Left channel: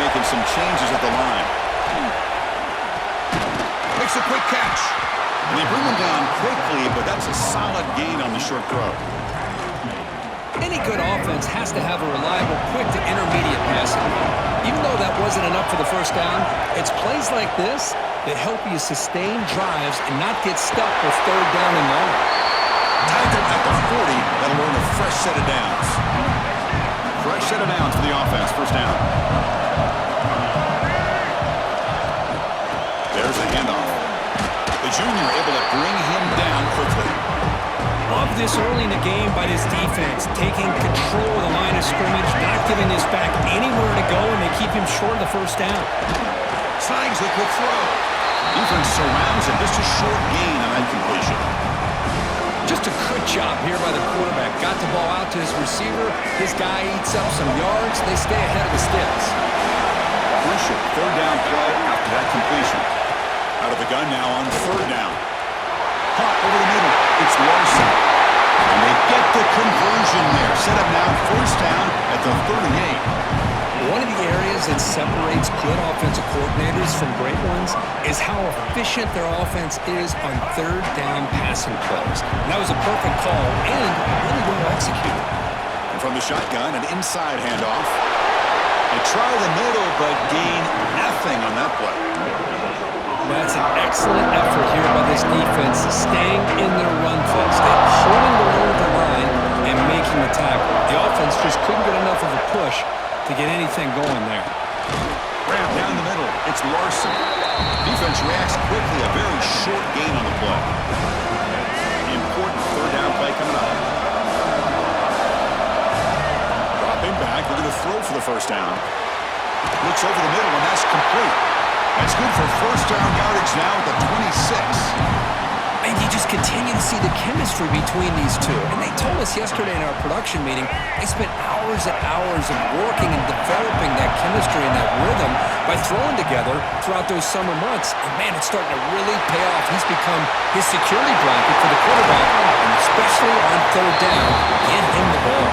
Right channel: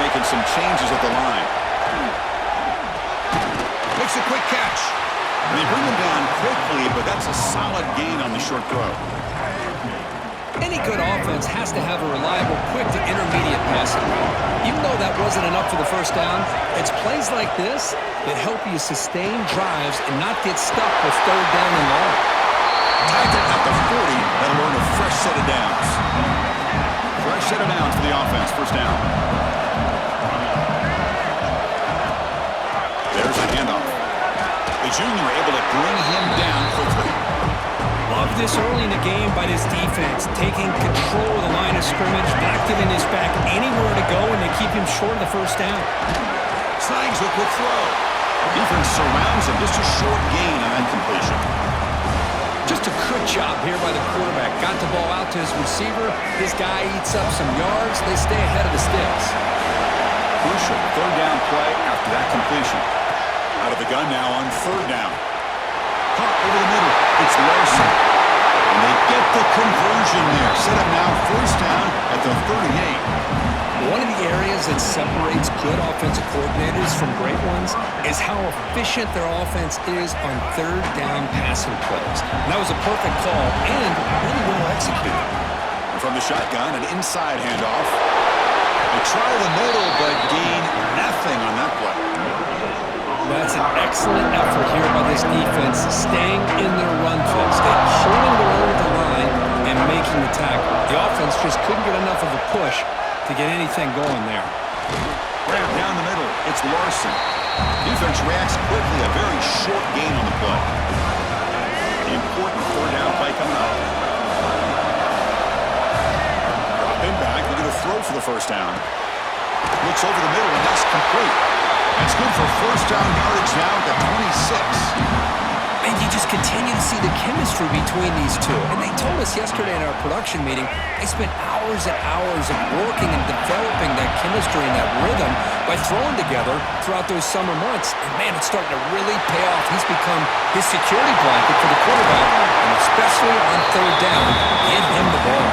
making some changes at the line. Makes a quick catch. And they bring him down quickly, but that's a solid gain on the short throw. Any good offense has to have a reliable, quick to intermediate passing game. Even though that wasn't enough for the first down, it's plays like this that help you sustain drives and not get stuck with third down and long. Tackle at the 40. That'll earn a fresh set of downs. Fresh set of downs for the offense. First down. There's a handoff. The junior able to bring him down quickly. Love this early in the game by this defense, taking control of the line of scrimmage, not giving his back anywhere to go, and they keep him short of the first down. Signs a quick throw. Defense surrounds him. Just a short gain on that completion. Just a good job here by the quarterback. Got the ball out to his receiver. His guy eats up some yards. They stay ahead of the sticks. Crucial third down play after that completion. Out of the gun now on third down. Caught over the middle. It's Larson. And they get the conversion there. Set up now first down at the 38. One of the areas that separates good offensive coordinators from great ones is how efficient their offense is on third down passing plays. And that was a perfect call and really well executed. And from the shotgun, an inside handoff. They try the middle, but gain nothing on that play. That's an excellent effort here by this defense, staying in their run fix. They're holding their own at the line and making the tackle. The offense just couldn't get enough of a push to get anything going there. Grab down the middle. It's Larson. Defense reacts quickly. A very short gain on the play. Important third down play coming up. Dropping back. Looking to throw for the first down. Looks over the middle, and that's complete. That's good for first down yardage now at the 26. And you just continue to see the chemistry between these two. And they told us yesterday in our production meeting, they spent hours and hours of working and developing that chemistry and that rhythm by throwing together throughout those summer months. And man, it's starting to really pay off. He's become his security blanket for the quarterback, and especially on third down, get him the ball.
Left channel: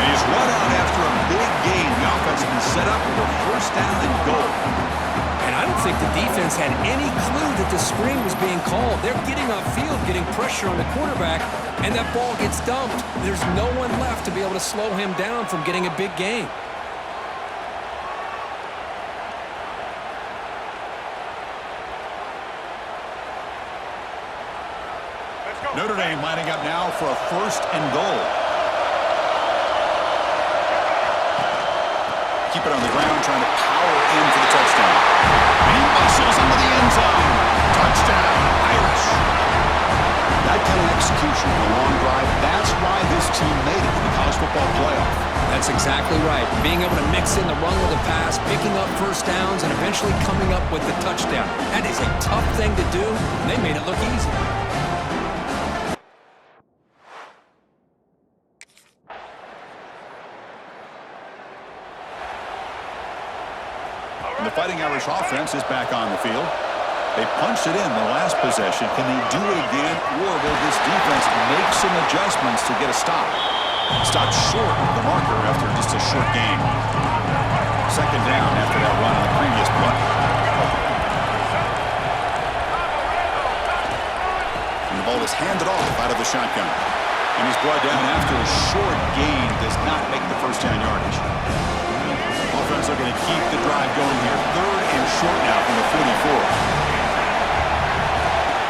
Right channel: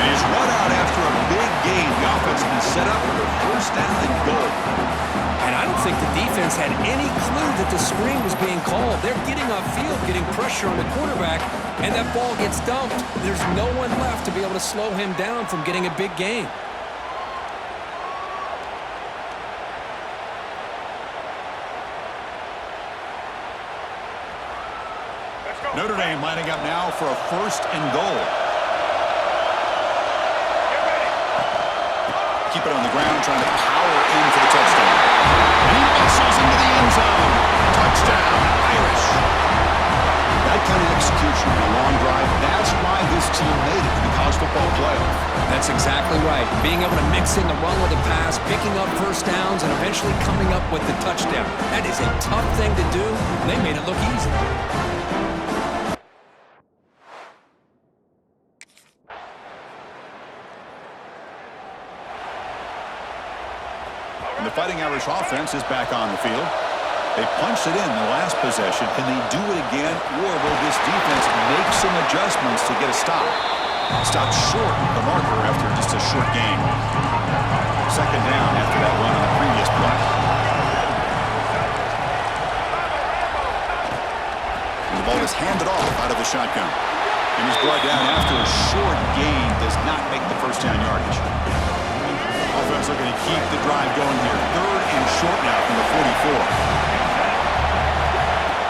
And he's run out after a big gain. The offense has been set up for a first down and goal. And I don't think the defense had any clue that the screen was being called. They're getting upfield, getting pressure on the quarterback, and that ball gets dumped. There's no one left to be able to slow him down from getting a big gain. Notre Dame lining up now for a first and goal. Keep it on the ground, trying to power in for the touchdown. And he muscles into the end zone. Touchdown, Irish. That kind of execution in a long drive, that's why this team made it to the college football playoff. That's exactly right. Being able to mix in the run with the pass, picking up first downs, and eventually coming up with the touchdown. That is a tough thing to do, and they made it look easy. And the Fighting Irish offense is back on the field. They punched it in the last possession. Can they do it again, or will this defense make some adjustments to get a stop? Stopped short of the marker after just a short game. Second down after that run on the previous play. And the ball is handed off out of the shotgun. And he's brought down after a short gain does not make the first down yardage. Offense looking to keep the drive going here. Third and short now from the 44.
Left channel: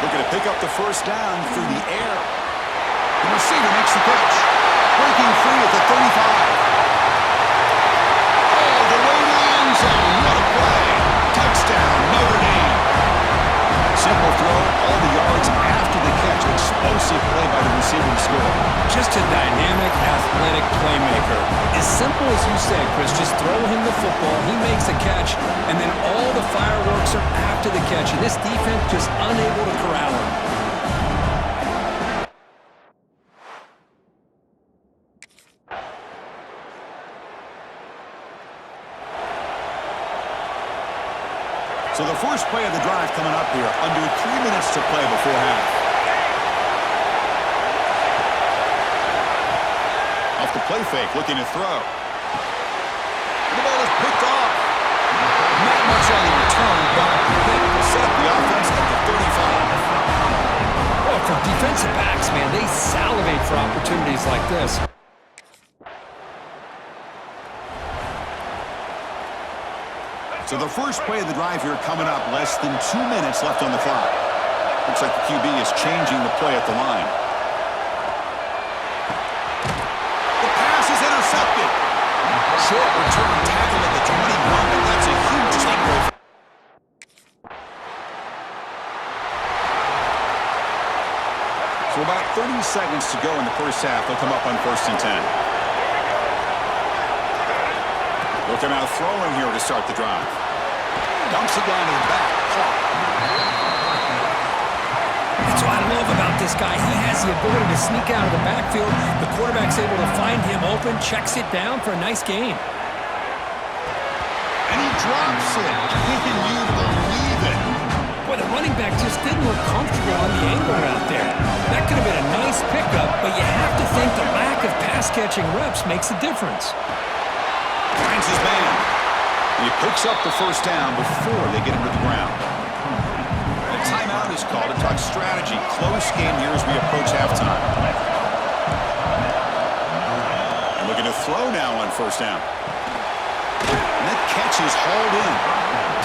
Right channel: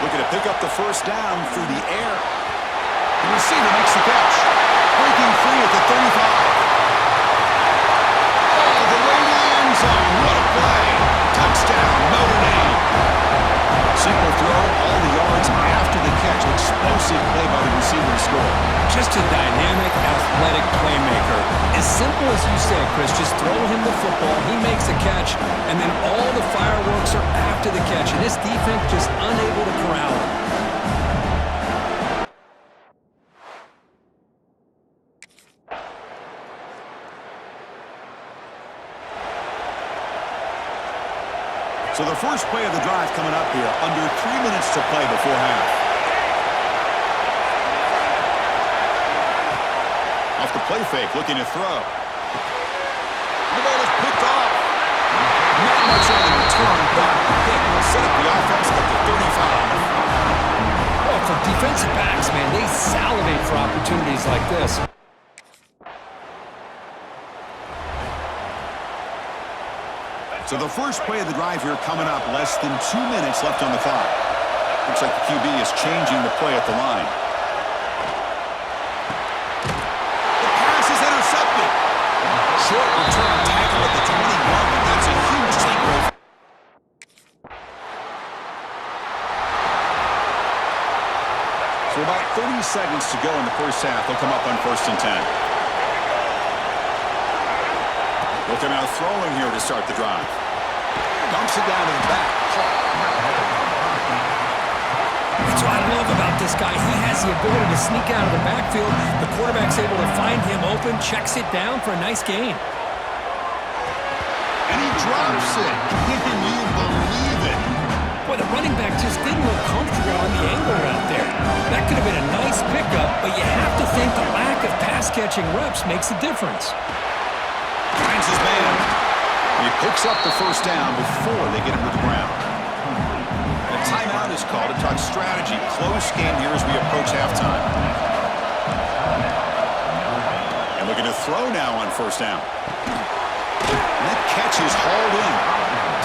Looking to pick up the first down through the air. The receiver makes the catch. Breaking free at the 35. All the way to the end zone. What a play. Touchdown, Notre Dame. Simple throw, all the yards after the catch. Explosive play by the receiver to score. Just a dynamic, athletic playmaker. As simple as you said, Chris, just throw him the football, he makes the catch, and then all the fireworks are after the catch, and this defense just unable to corral him. So the first play of the drive coming up here, under 3 minutes to play before half. Off the play fake, looking to throw. The ball is picked off. much on the return, but hit will set up the offense at the 35. Well, for defensive backs, man, they salivate for opportunities like this. So the first play of the drive here coming up, less than 2 minutes left on the clock. Looks like the QB is changing the play at the line. The pass is intercepted. Short return tackle at the 21, but that's a huge takeaway. So about 30 seconds to go in the first half. They'll come up on 1st and 10. Looking out throwing here to start the drive. Dumps it down to the back. That's what I love about this guy. He has the ability to sneak out of the backfield. The quarterback's able to find him open, checks it down for a nice gain. And he drops it. Can you believe it? Boy, the running back just didn't look comfortable on the angle route there. That could have been a nice pickup, but you have to think the lack of pass-catching reps makes a difference. Finds his man. He picks up the first down before they get him to the ground. A timeout is called to talk strategy. Close game here as we approach halftime. And looking to throw now on 1st down. And that catch is hauled in.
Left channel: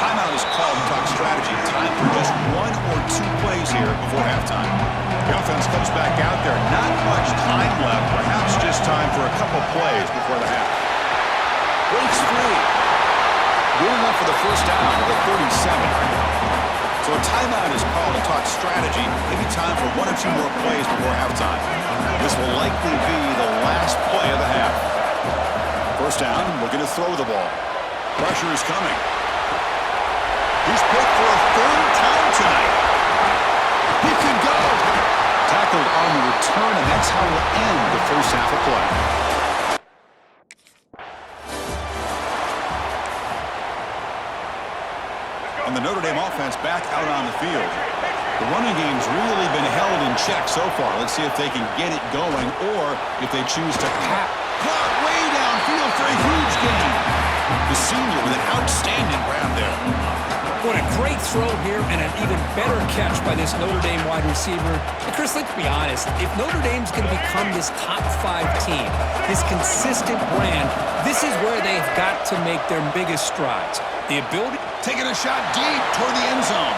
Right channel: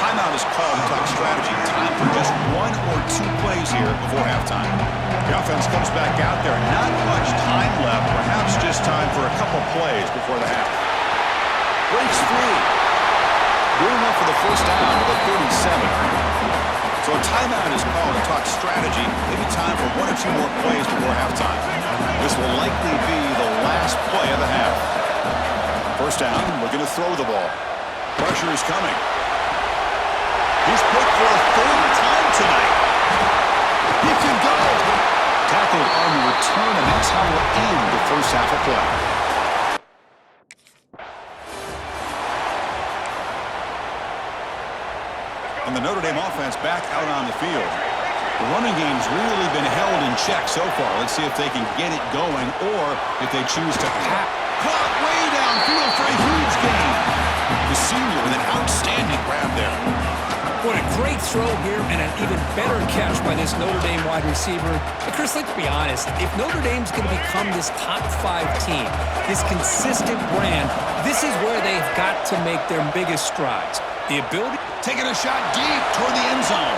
Timeout is called to talk strategy. Time for just 1 or 2 plays here before halftime. The offense comes back out there. Not much time left. Perhaps just time for a couple plays before the half. Breaks free. Good enough for the first down to the 37. So a timeout is called to talk strategy. Maybe time for 1 or 2 more plays before halftime. This will likely be the last play of the half. First down, looking to throw the ball. Pressure is coming. He's picked for a 3rd time tonight. He can go. Tackled on the return, and that's how we'll end the first half of play. And the Notre Dame offense back out on the field. The running game's really been held in check so far. Let's see if they can get it going or if they choose to pass. Caught way downfield for a huge gain. The senior with an outstanding grab there. What a great throw here and an even better catch by this Notre Dame wide receiver. And Chris, let's be honest. If Notre Dame's going to become this top 5 team, this consistent brand, this is where they've got to make their biggest strides. The ability... Taking a shot deep toward the end zone.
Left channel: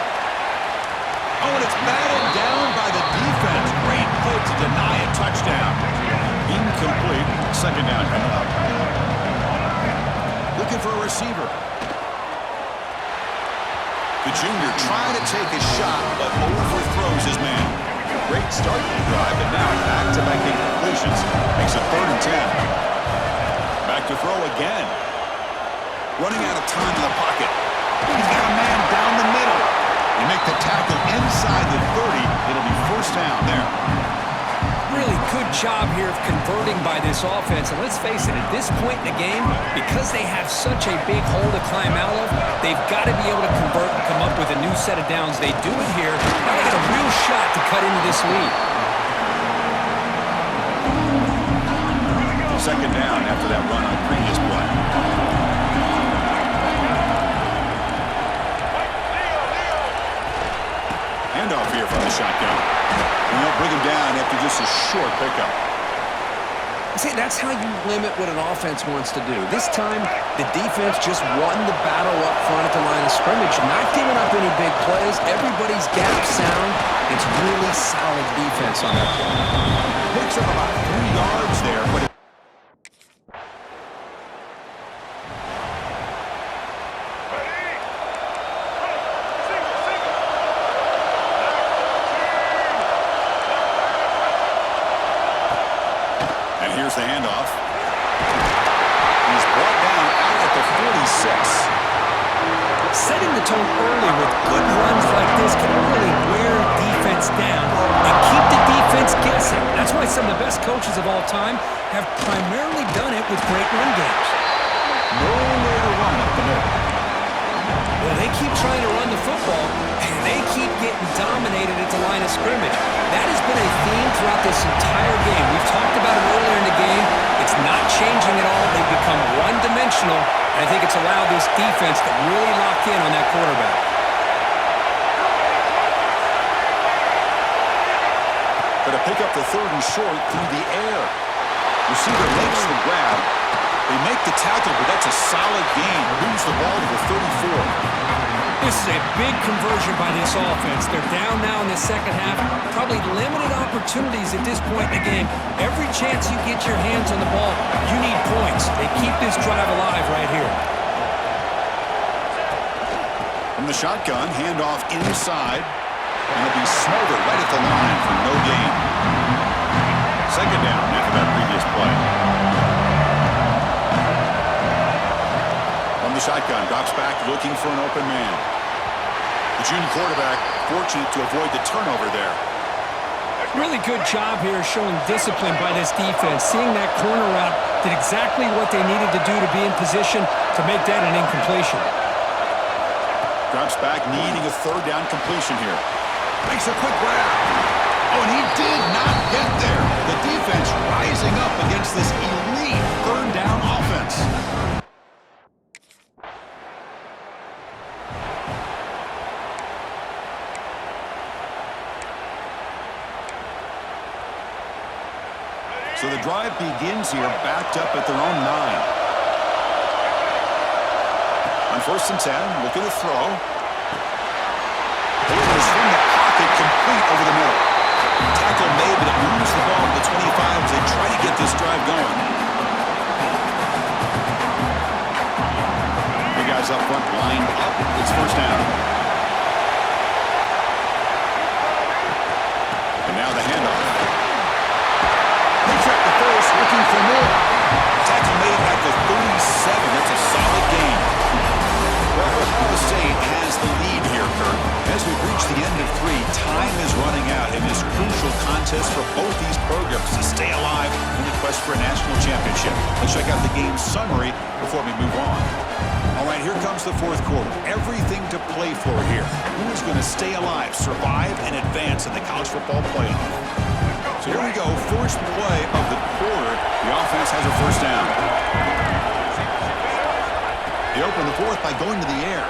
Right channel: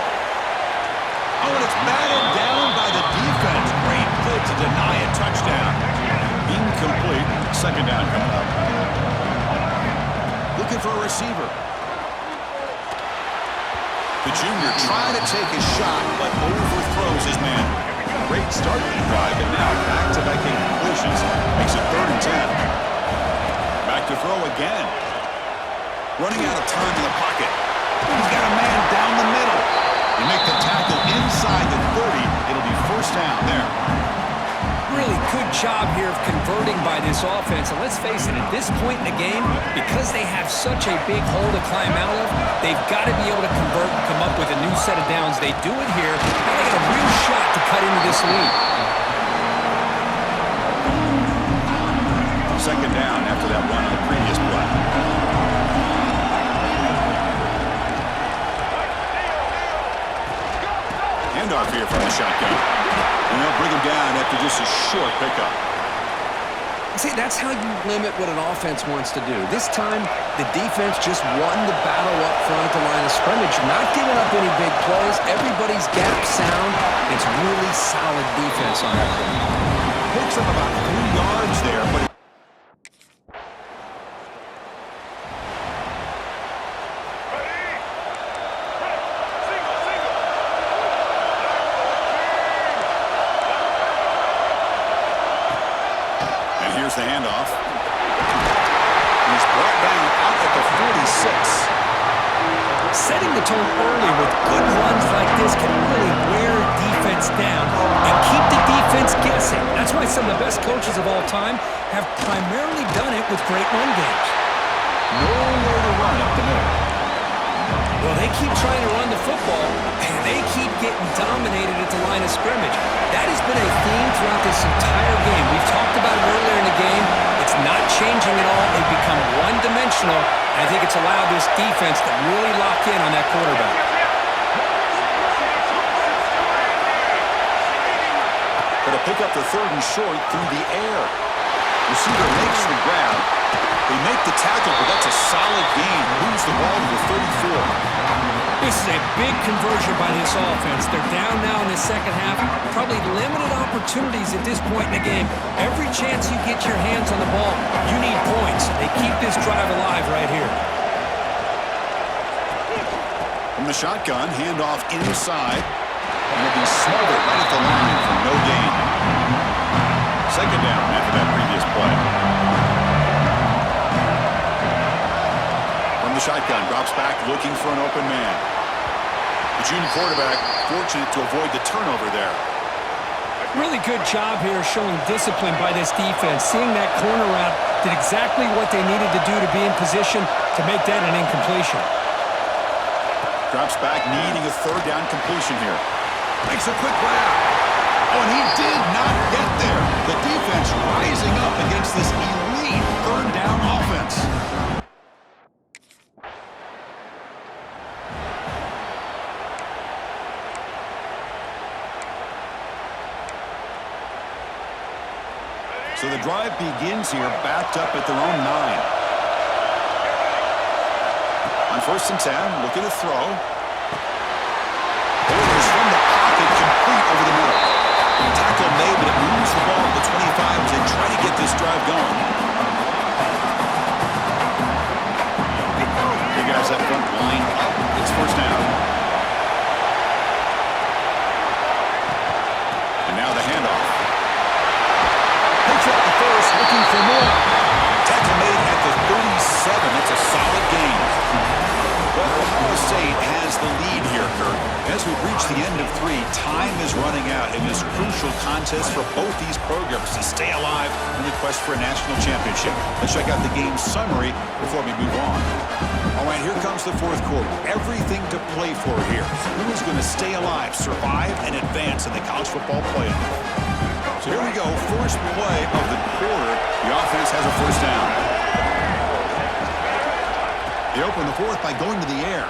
Oh, and it's batted down by the defense. Great play to deny a touchdown. Incomplete. 2nd down coming up. Looking for a receiver. The junior trying to take a shot, but overthrows his man. Great start to the drive, but now back-to-back incompletions. Makes it 3rd and 10. Back to throw again. Running out of time in the pocket. He's got a man down the middle. You make the tackle inside the 30. It'll be 1st down there. Really good job here of converting by this offense. And let's face it, at this point in the game, because they have such a big hole to climb out of, they've got to be able to convert and come up with a new set of downs. They do it here. Now they got a real shot to cut into this lead. 2nd down after that run on the previous play. Handoff here from the shotgun. And they'll bring him down after just a short pickup. See, that's how you limit what an offense wants to do. This time, the defense just won the battle up front at the line of scrimmage, not giving up any big plays. Everybody's gap sound. It's really solid defense on that play. Picks up about 3 yards there, but here's the handoff. He's brought down out at the 46. Setting the tone early with good runs like this can really wear defense down and keep the defense guessing. That's why some of the best coaches of all time have primarily done it with great run games. Nowhere to run up the middle. Well, they keep trying to run the football, and they keep getting dominated at the line of scrimmage. That has been a theme throughout this entire game. We've talked about it earlier in the game. It's not changing at all. They've become one-dimensional, and I think it's allowed this defense to really lock in on that quarterback. Going to pick up the 3rd and short through the air. Receiver makes the grab. They make the tackle, but that's a solid gain. Moves the ball to the 34. This is a big conversion by this offense. They're down now in the second half. Probably limited opportunities at this point in the game. Every chance you get your hands on the ball, you need points. They keep this drive alive right here. From the shotgun, handoff inside. And he'll be smothered right at the line for no gain. Second down after that previous play. From the shotgun, drops back looking for an open man. The junior quarterback fortunate to avoid the turnover there. Really good job here showing discipline by this defense. Seeing that corner route did exactly what they needed to do to be in position to make that an incompletion. Drops back needing a 3rd down completion here. Makes a quick grab. Oh, and he did not get there. The defense rising up against this elite 3rd down offense. So the drive begins here, backed up at their own 9. On 1st and 10, looking to throw. Orders from the pocket, complete over the middle. Tackle made, but it moves the ball to the 25 as they try to get this drive going. The guys up front lined up. It's 1st down. And now the handoff. Picks up the 1st, looking for more. Tackle made at the 37. That's a solid gain. Well, Ohio State has the lead here, Kurt. As we reach the end of 3, time is running out in this crucial contest for both these programs to stay alive in the quest for a national championship. Let's check out the game summary before we move on. All right, here comes the 4th quarter. Everything to play for here. Who is going to stay alive, survive, and advance in the college football playoff? So here we go, first play of the quarter. The offense has a 1st down. They open the 4th by going to the air.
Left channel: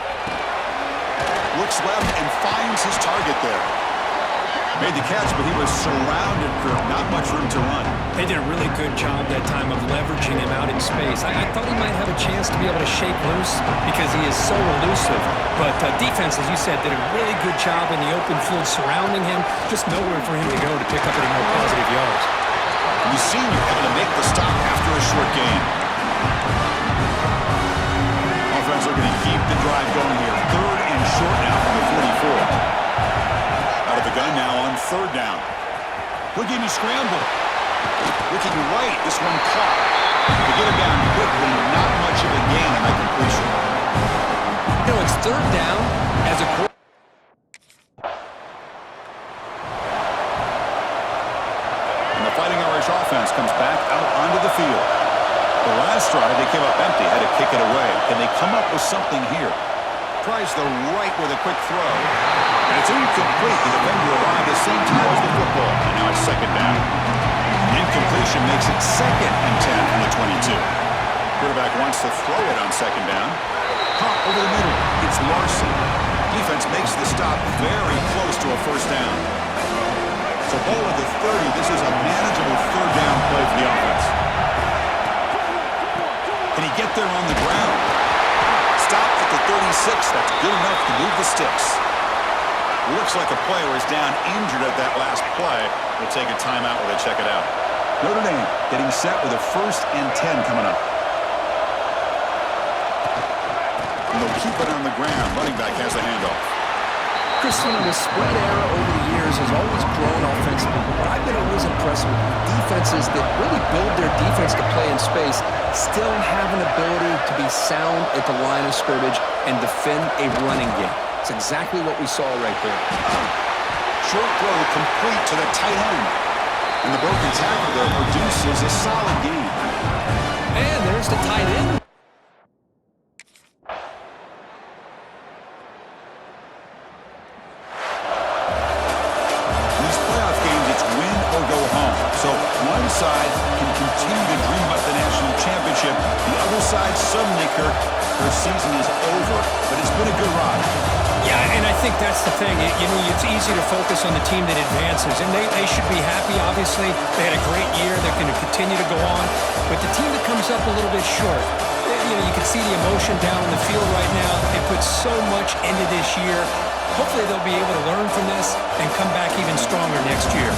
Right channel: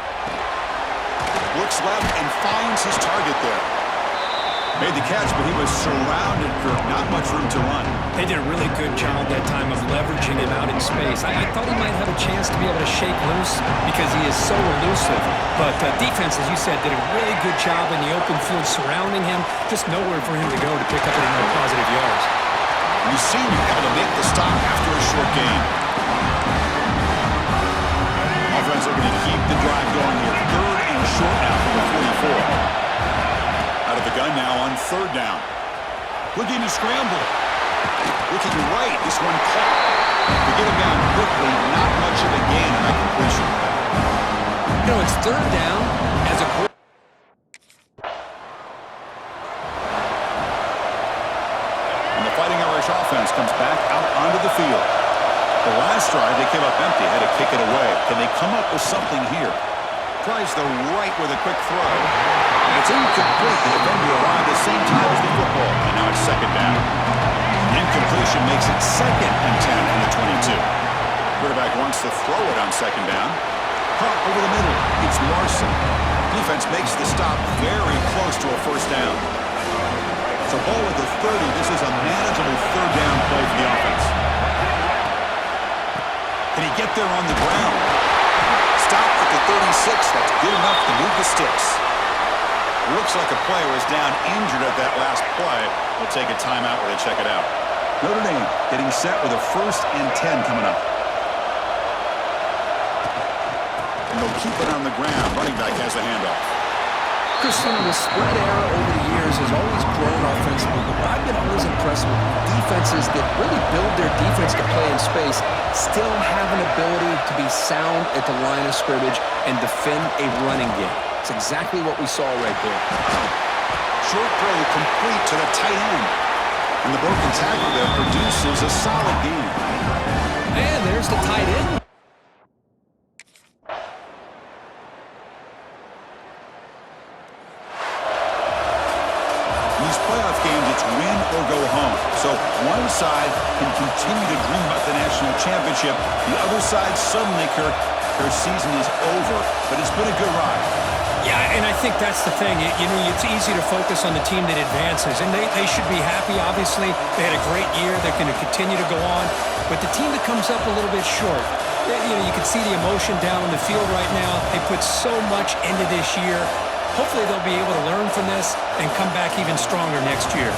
Looks left and finds his target there. Made the catch, but he was surrounded, Kirk. Not much room to run. They did a really good job that time of leveraging him out in space. I thought he might have a chance to be able to shake loose because he is so elusive. But defense, as you said, did a really good job in the open field surrounding him. Just nowhere for him to go to pick up any more positive yards. And the senior able to make the stop after a short gain. Offense looking to keep the drive going here. 3rd and short now from the 44. Out of the gun now on 3rd down. Looking to scramble. Looking right. This one caught. To get him down quickly, not much of a gain on that completion. You know, it's 3rd down as a quarterback. And the Fighting Irish offense comes back out onto the field. The last drive, they came up empty, had to kick it away. Can they come up with something here? Tries the right with a quick throw. And it's incomplete. The defender arrived at the same time as the football. And now it's 2nd down. Incompletion makes it 2nd and 10 from the 22. Quarterback wants to throw it on 2nd down. Caught over the middle. It's Larson. Defense makes the stop very close to a 1st down. So ball at the 30. This is a manageable 3rd down play for the offense. Can he get there on the ground? Stopped at the 36. That's good enough to move the sticks. Looks like a player is down injured at that last play. We'll take a timeout while they check it out. Notre Dame getting set with a 1st and 10 coming up. And they'll keep it on the ground. Running back has the handoff. Chris, you know, the spread era over the years has always grown offensively, but I've been always impressed with defenses that really build their defense to play in space, still have an ability to be sound at the line of scrimmage and defend a running game. It's exactly what we saw right there. Short throw complete to the tight end. And the broken tackle there produces a solid gain. And there's the tight end. championship. The other side suddenly, Kirk, their season is over, but it's been a good ride. Yeah, and I think that's the thing. It's easy to focus on the team that advances, and they should be happy, obviously. They had a great year. They're going to continue to go on. But the team that comes up a little bit short, you can see the emotion down on the field right now. They put so much into this year. Hopefully they'll be able to learn from this and come back even stronger next year.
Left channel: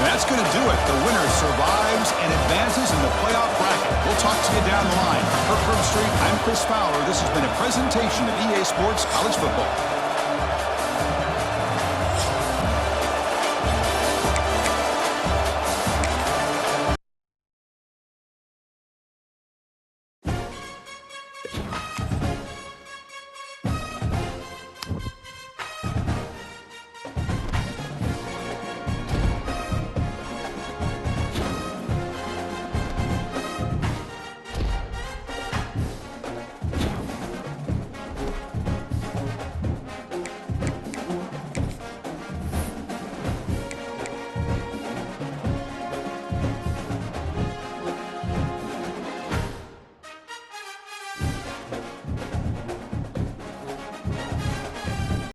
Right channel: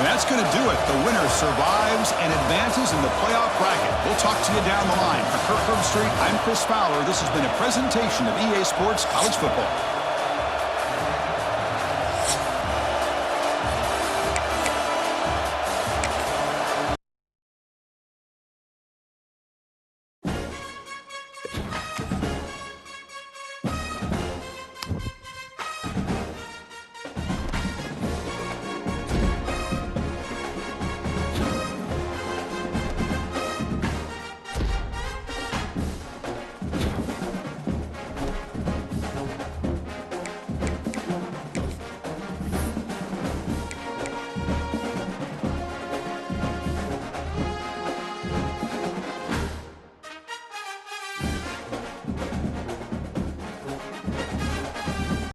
And that's going to do it. The winner survives and advances in the playoff bracket. We'll talk to you down the line. For Kirk Herbstreit, I'm Chris Fowler. This has been a presentation of EA Sports College Football.